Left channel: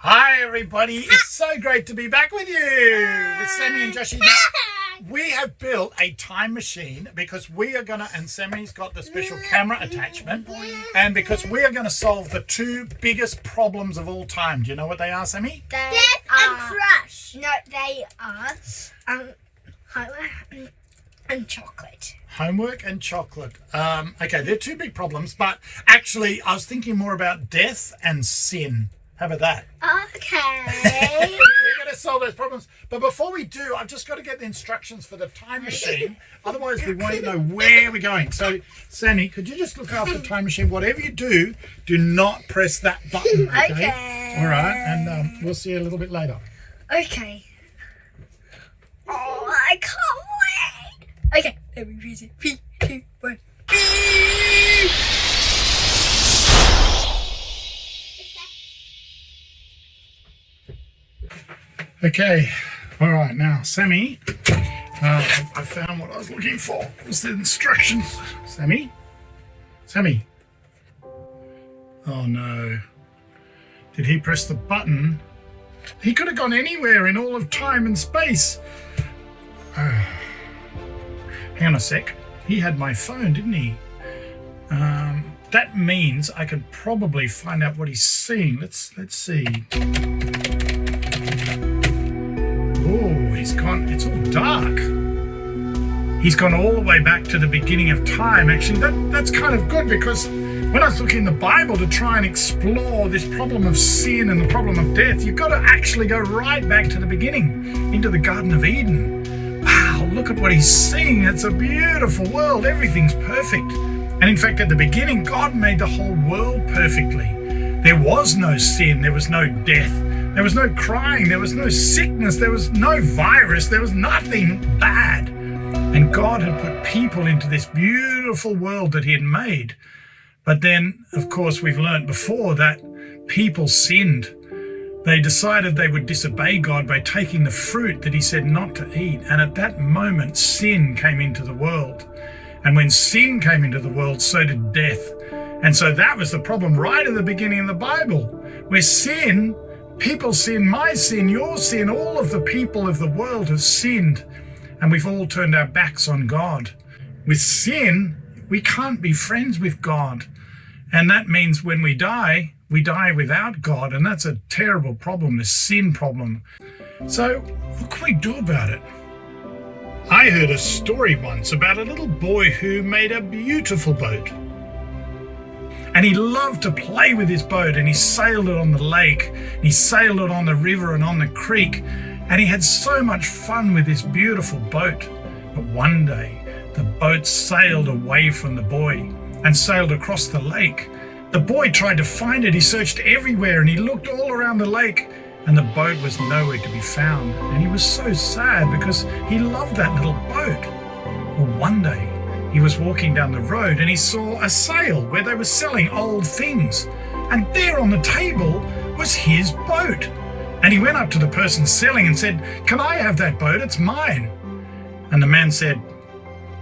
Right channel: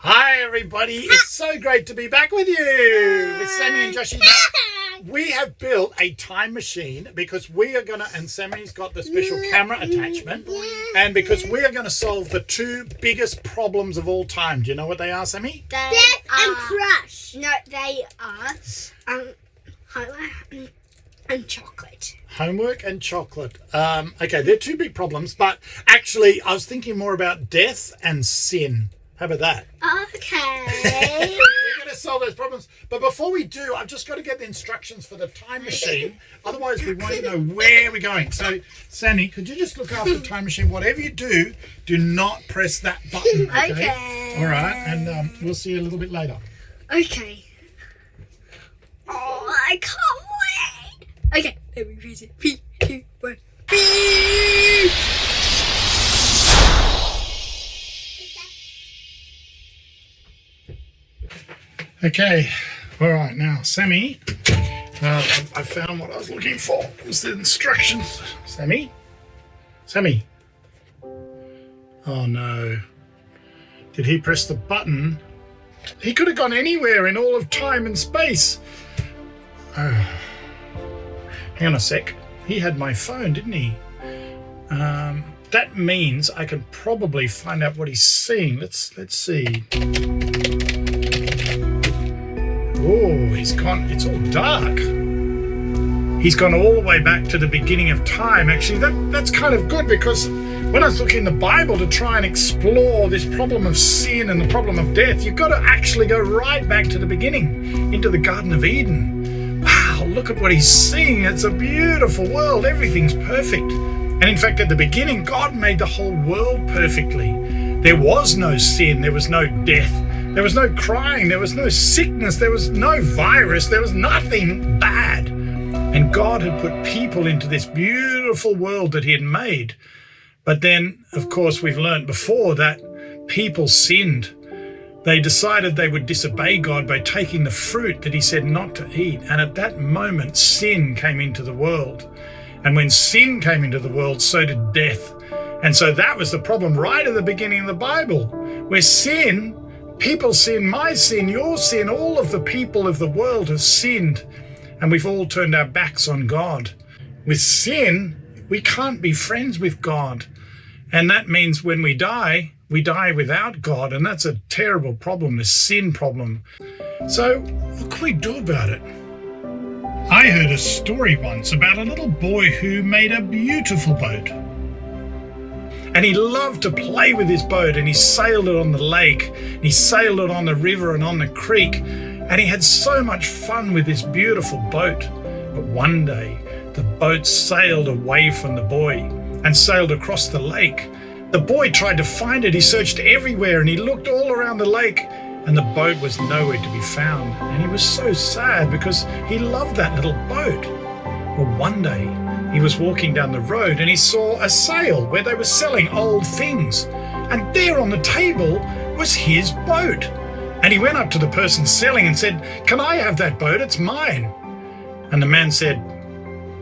Hi everybody, it's so great to be back with you, with Sammy and Joshie. Now, we have built a time machine because we are going to, and Sammy's got the special camera attachment, and because we are going to solve the two biggest problems of all time. Do you know what they are, Sammy? Death and crush. No, they are homework and chocolate. Homework and chocolate. Okay, they're two big problems, but actually I was thinking more about death and sin. How about that? Okay. We're going to solve those problems. But before we do, I've just got to get the instructions for the time machine. Otherwise, we won't know where we're going. So, Sammy, could you just look after the time machine? Whatever you do, do not press that button. Okay. All right. And we'll see you a little bit later. Okay. Oh, I can't wait. Okay, let me press it. 3, 2, 1. Beep. Okay. All right. Now, Sammy, I found what I was looking for. It was the instructions. Sammy? Sammy? Oh, no. Did he press the button? He could have gone anywhere in all of time and space. Hang on a sec. He had my phone, didn't he? That means I could probably find out what he's seeing. Let's see. Oh, he's gone. It's all dark. He's gone all the way back to the beginning of time. Actually, that's kind of good, because when I was looking in the Bible to try and explore this problem of sin and the problem of death, you've got to actually go right back to the beginning, into the Garden of Eden. Wow, look at what he's seeing. It's a beautiful world. Everything's perfect. And in fact, at the beginning, God made the whole world perfectly. There was no sin. There was no death. There was no crying. There was no sickness. There was no virus. There was nothing bad. And God had put people into this beautiful world that he had made. But then, of course, we've learned before that people sinned. They decided they would disobey God by taking the fruit that he said not to eat. And at that moment, sin came into the world. And when sin came into the world, so did death. And so that was the problem right at the beginning of the Bible, where sin, people sin, my sin, your sin, all of the people of the world have sinned. And we've all turned our backs on God. With sin, we can't be friends with God. And that means when we die without God. And that's a terrible problem, the sin problem. So what can we do about it? I heard a story once about a little boy who made a beautiful boat. And he loved to play with his boat, and he sailed it on the lake, and he sailed it on the river and on the creek, and he had so much fun with this beautiful boat. But one day, the boat sailed away from the boy and sailed across the lake. The boy tried to find it. He searched everywhere, and he looked all around the lake, and the boat was nowhere to be found. And he was so sad because he loved that little boat. Well, one day, he was walking down the road and he saw a sale where they were selling old things. And there on the table was his boat. And he went up to the person selling and said, "Can I have that boat? It's mine." And the man said,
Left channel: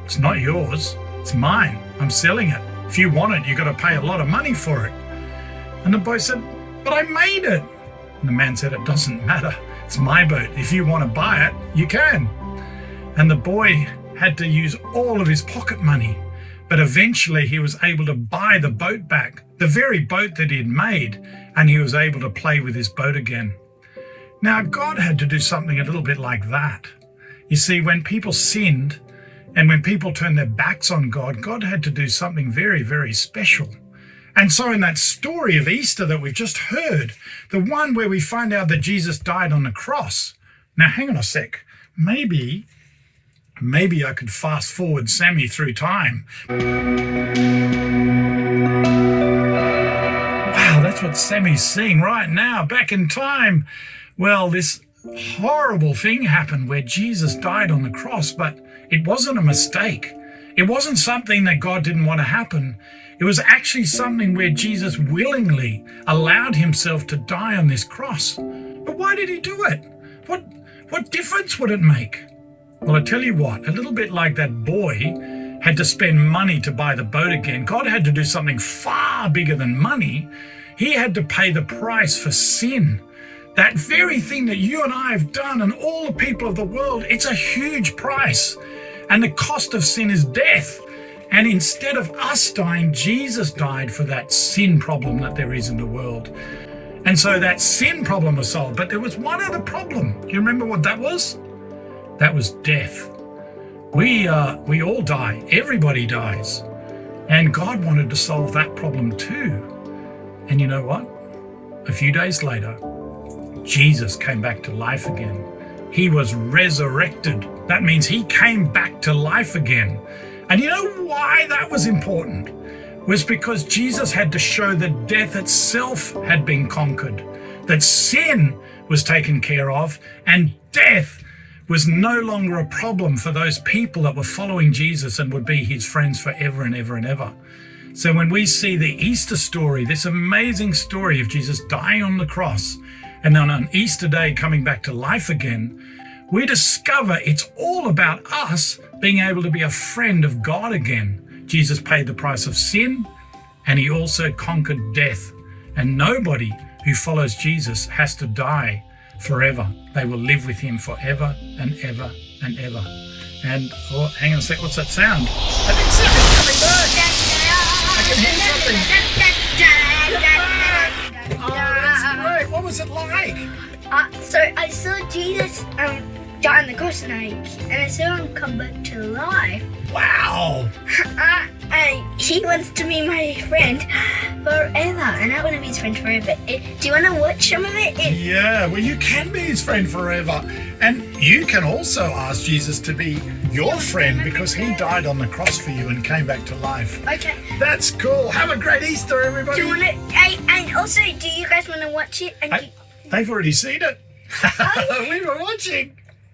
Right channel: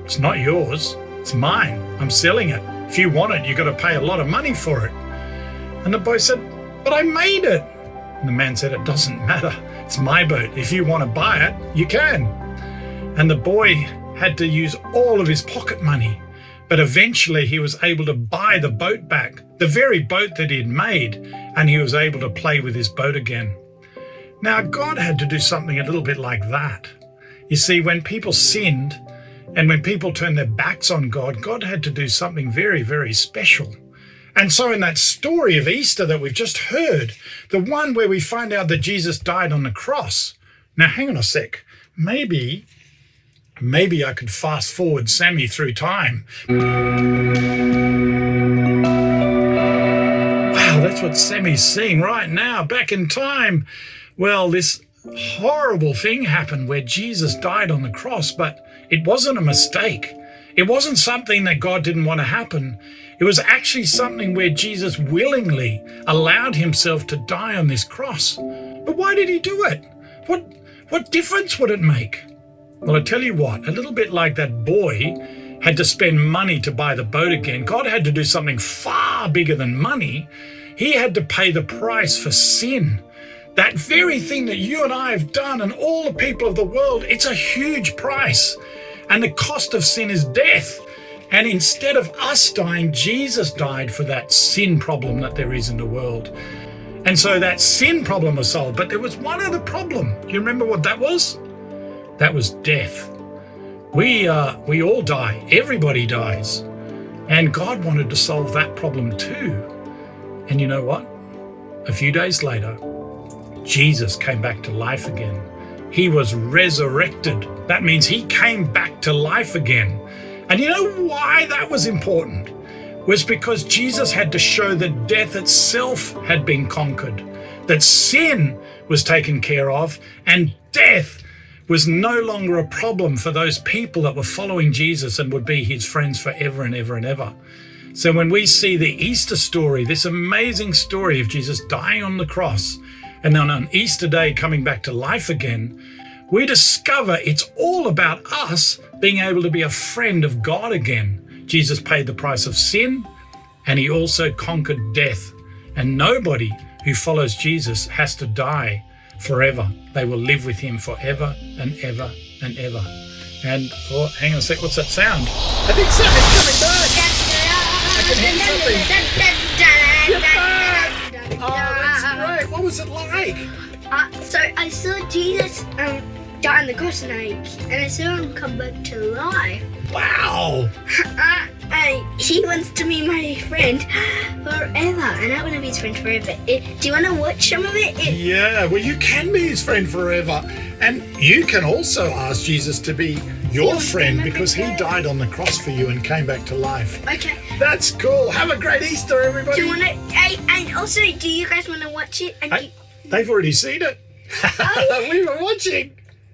"It's not yours, it's mine. I'm selling it. If you want it, you've got to pay a lot of money for it." And the boy said, "But I made it." And the man said, "It doesn't matter. It's my boat. If you want to buy it, you can." And the boy had to use all of his pocket money. But eventually he was able to buy the boat back, the very boat that he had made, and he was able to play with his boat again. Now, God had to do something a little bit like that. You see, when people sinned and when people turned their backs on God, God had to do something very, very special. And so in that story of Easter that we've just heard, the one where we find out that Jesus died on the cross. Now, hang on a sec. Maybe I could fast forward Sammy through time. Wow, that's what Sammy's seeing right now, back in time. Well, this horrible thing happened where Jesus died on the cross, but it wasn't a mistake. It wasn't something that God didn't want to happen. It was actually something where Jesus willingly allowed himself to die on this cross. But why did he do it? What difference would it make? Well, I tell you what, a little bit like that boy had to spend money to buy the boat again. God had to do something far bigger than money. He had to pay the price for sin. That very thing that you and I have done and all the people of the world, it's a huge price. And the cost of sin is death. And instead of us dying, Jesus died for that sin problem that there is in the world. And so that sin problem was solved. But there was one other problem. Do you remember what that was? That was death. We all die. Everybody dies. And God wanted to solve that problem too. And you know what? A few days later, Jesus came back to life again. He was resurrected. That means he came back to life again. And you know why that was important? Was because Jesus had to show that death itself had been conquered, that sin was taken care of, and death was no longer a problem for those people that were following Jesus and would be his friends forever and ever and ever. So when we see the Easter story, this amazing story of Jesus dying on the cross, and then on Easter Day coming back to life again, we discover it's all about us being able to be a friend of God again. Jesus paid the price of sin, and he also conquered death. And nobody who follows Jesus has to die forever. They will live with him forever and ever and ever. And, oh, hang on a sec, what's that sound? I think something's coming back. I can hear something. Oh, that's great. What was it like? So I saw Jesus die on the cross and I saw him come back to life. Wow. He wants to be my friend forever, and I want to be his friend forever. Do you want to watch some of it? Yeah, well, you can be his friend forever. And you can also ask Jesus to be your friend because he died on the cross for you and came back to life. Okay. That's cool. Have a great Easter, everybody. Do you want to? And also, do you guys want to watch it? They've already seen it. We were watching.